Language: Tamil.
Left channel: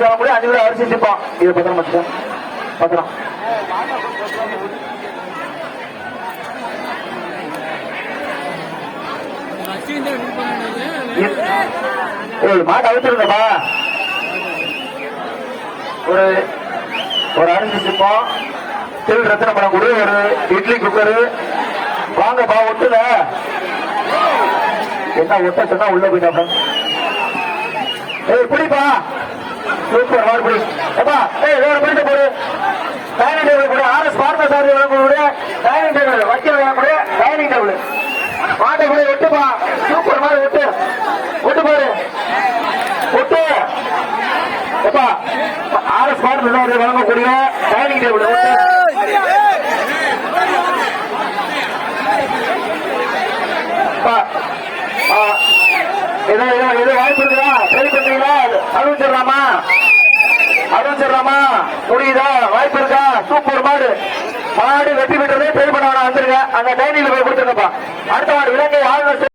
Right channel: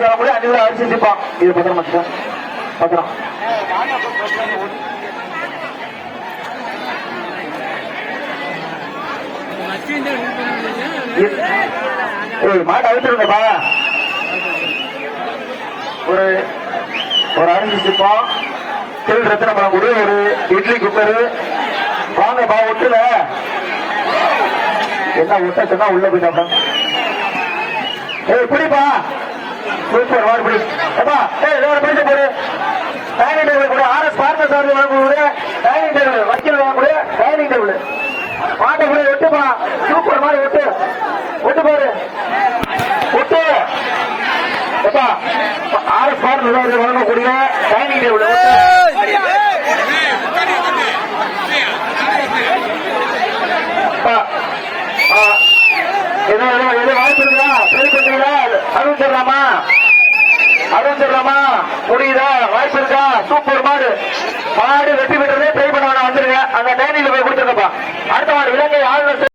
ஆர்எஸ் முடியும் அஞ்சு கிலோ அரிசி சிப்பம் இது பத்திரம் வச்சுக்கோங்க பத்திரம். மாட்டை ஒரு ஒரு அரிசி சிப்பம் திரு ரத்தன பழம் கொடு ஒரு இட்லி குக்கரு வாங்கப்பா ஒட்டுல. என்ன ஒட்ட சொன்னா உள்ள போயிட்டாப்பா. ஏய் குடிப்பா சூப்பர் வாடு பிடி அப்பா ஏய் வேற பிடிச்ச போடு. டைனிங் டேபிள் கூட ஆர்எஸ் பார்த்த சார் வாங்கக்கூடிய டைனிங் டேபிள் வக்கீல் வாங்கக்கூடிய டைனிங் டேபிள் மாட்டை கூட ஒட்டுப்பா. சூப்பர் மாதிரி ஒட்டு. ஒட்டு பாரு. ஒட்டு. அப்பா ஆர்எஸ் பார்த்த சார் வாங்கக்கூடிய டைனிங் டேபிள் அப்பா எது ஏதோ ஏதோ ஏதோ வாய்ப்பு இல்லையா சரி முடியுதா வாய்ப்பு இருக்கா? சூப்பர் மாடு. மாடு வெற்றி பெற்றதே ட்ரை பண்ண வந்துருங்க அந்த டைனிங்ல போய் கொடுத்துருங்கப்பா அடுத்த மாடு இலங்கை ஆளுநர்